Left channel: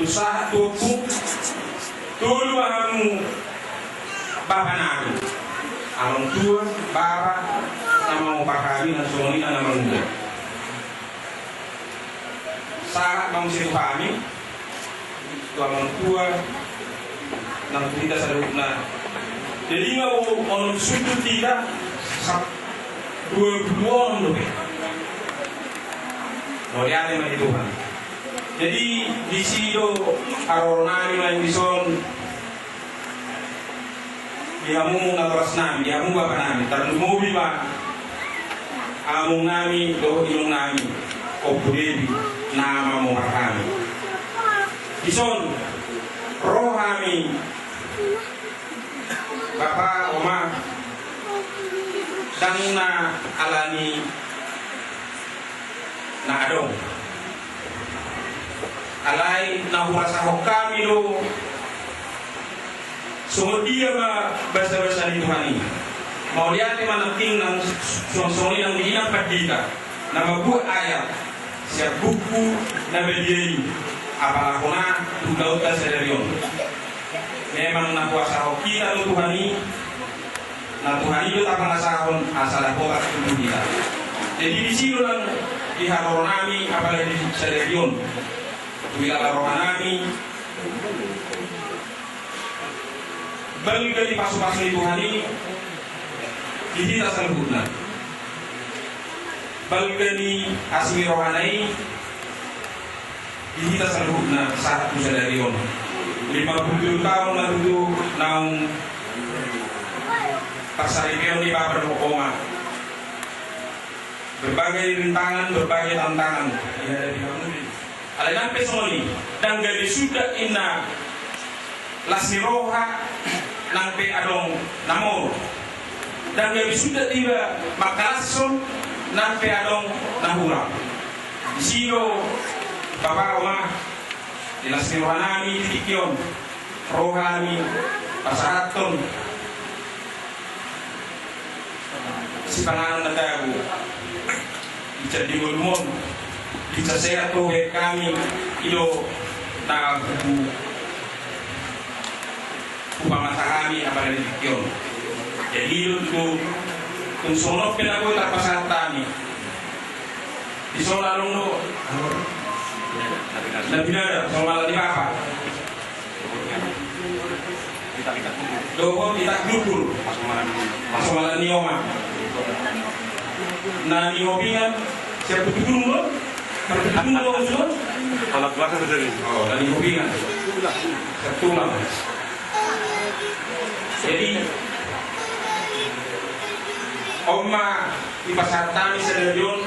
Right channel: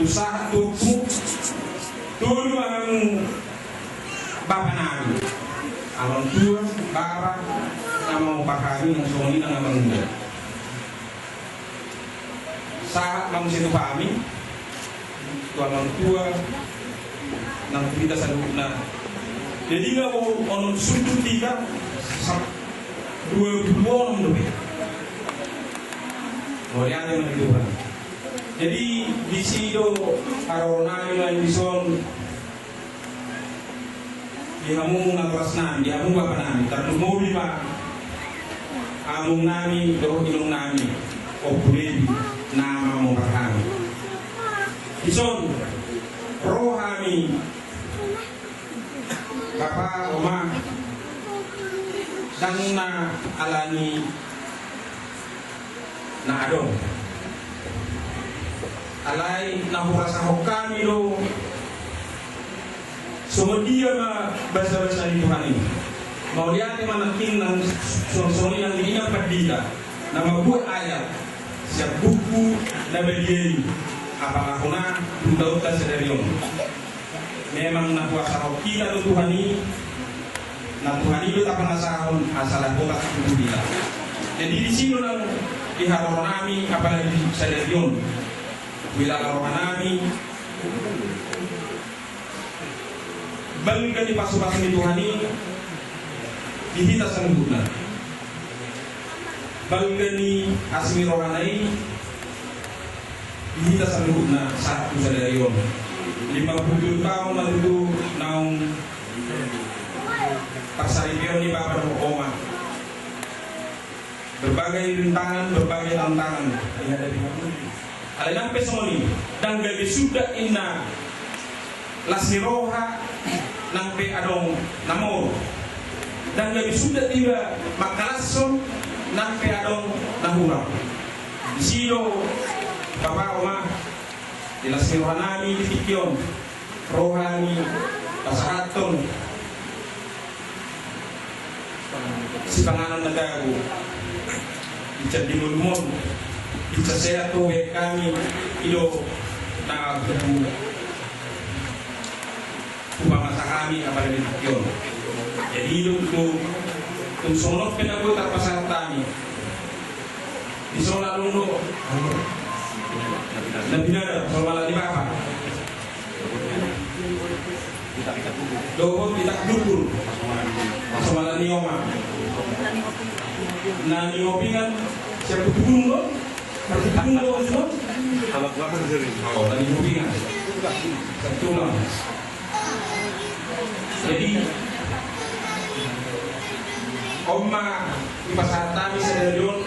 usaha tuku dulu ang bapanado ang tua bara namang pakami ng sumuli ng namang muda saat mang situ kami tua ang tua ng kita sa loob na jadi nga onong sudut tiga sa 22 orang lebih Moriane menituhan. Jadi di sido aronami main bison dihamung natras nami, dihamung bapak nami, terus mobil pak amung nami, do ilung nami, opudebi nama mau kami. Bison rohami bapak oma dan na alani na adong alay na hurasa kami lo sumudia ma basa-basa ni Tuhan ini mau lihat manaping ng sonsoni ng diinang pagdika na magbuhat ayat siya buku na beliay apalako na tudaw ta sa deryon memang nakuasa ko kita ng Tuhan ini na Tuhan itu tak pernah sahon asal ako tak kita jadi di sini lang iharor nami apalagi sa deryon bila haror nami balik di pasu-pasu ni Tuhan ini dihita sa lubuna balik ni asmi rohanai dihita sa lubuna satu sa deryon 50 tahun natutup ng pagsaripion ni Bapak Mokoma berbagai rintangan, berbagai tantangan yang ada di Hamuli. Alenang pesoni dan gabi sudah ina lasniroha nang pe adong namor dan gabi sudah tiba makalason nang pe adong nahura. Di sino Bapak Oma di lasniroha nami tikion rohani pasahaton si pangalan na dago Ica di Mulmon Ica saya to kami ilo na kupamasa kami apalagi yun jadi ilo kung sonok pinago tapasatani di sona luno nabinada somala di Papa doon itak dukul somala nioma na niopingan siap tutulung lo tutulung lo sudah kalau belakang dari oh dan niopingan setulang jadi oma di pasar tami sederion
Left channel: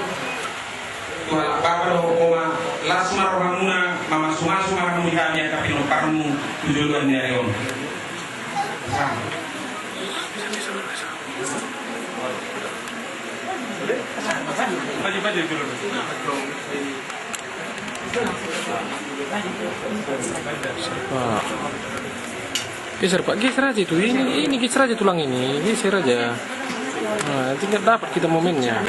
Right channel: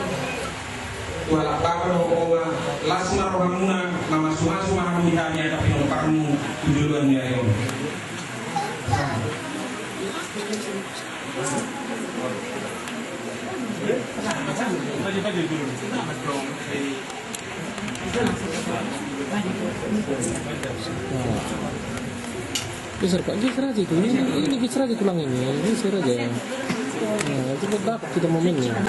tuhan Bapak oma lasma rohamuna mama sumasu mama kami tapi no parmu tujuan dia yon Maju dulu. Geser Pak, geser aja itu. Ini geser aja tulang ini, geser aja. Nah, tidak dapat kita momennya.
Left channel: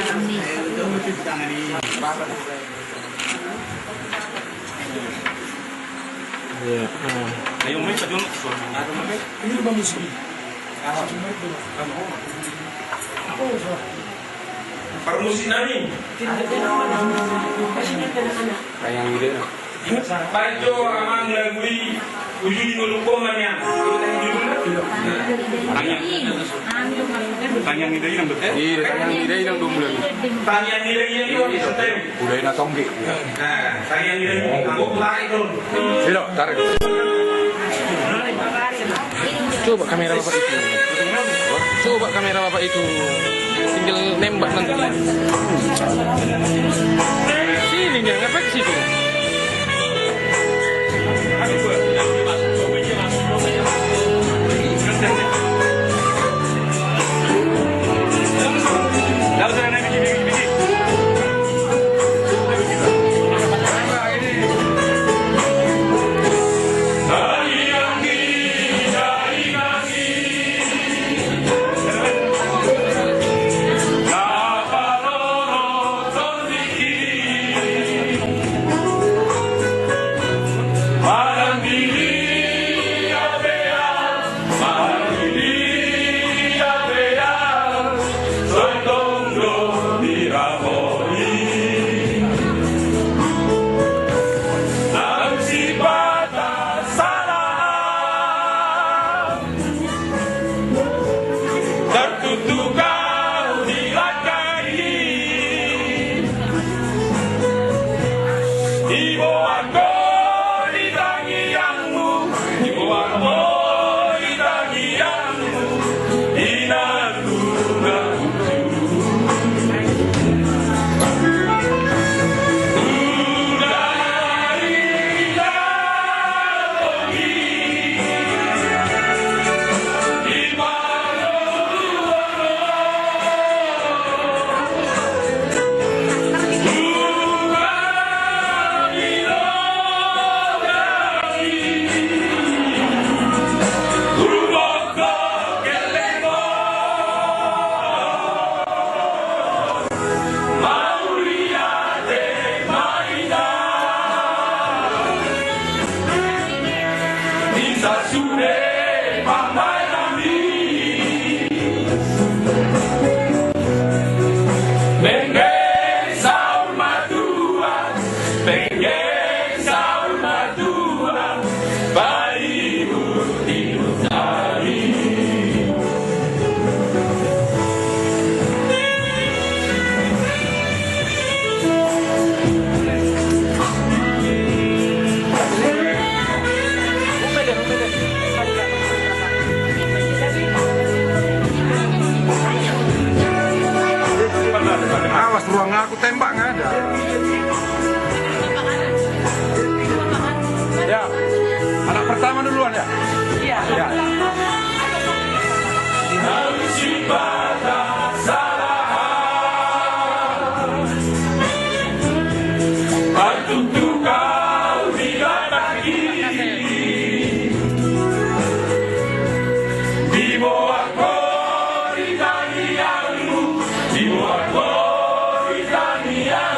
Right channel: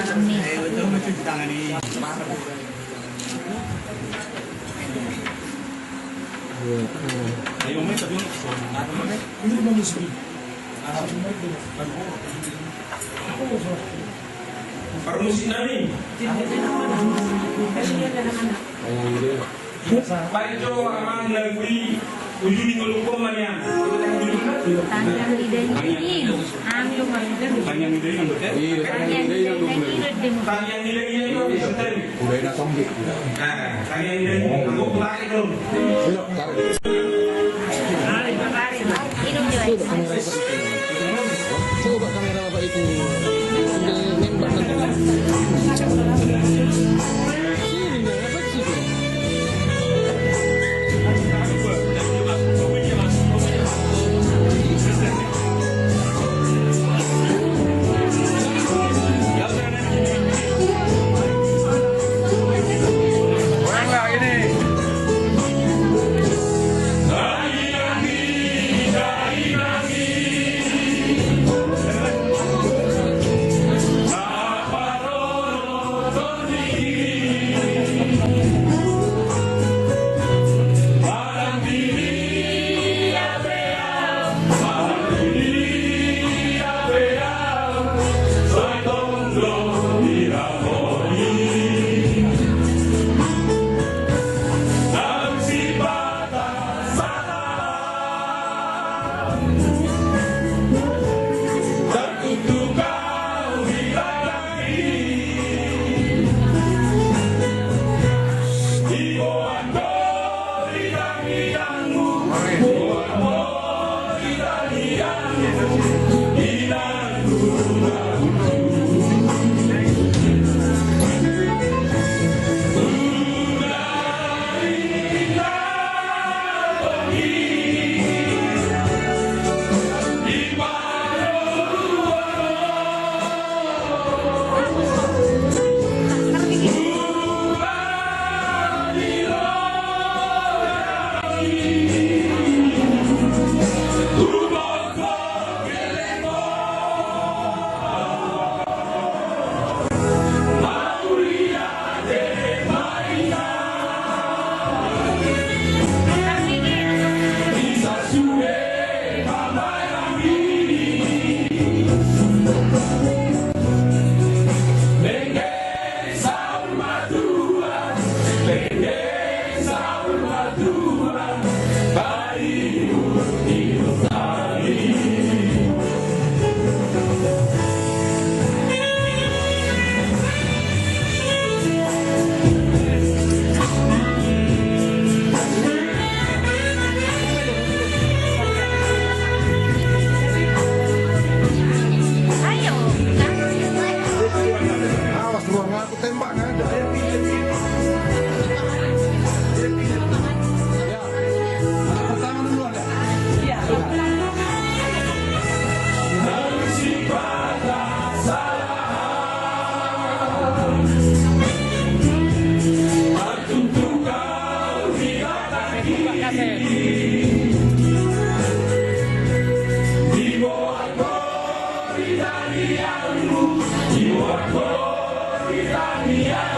Ayo main tadi ini bagus sekali. Permusi nani. Baik jo amang lagui ujudi ngolukong manya. Tanyang ide yang betul. Tanyang ide yang betul. Tanyang ide yang betul. Udah nak tonggi. Nah, tanyang ide yang aku tarik dulu. Silo, tarik. Coba kamera Bapak itu. Coba kamera Bapak itu. Tinggal nembak nanti. Sini dia efek situ. Awas ruang aku tembak nggak ada. Ya, anak pertama duluan ya. Iya. Ya. Di bawah Britania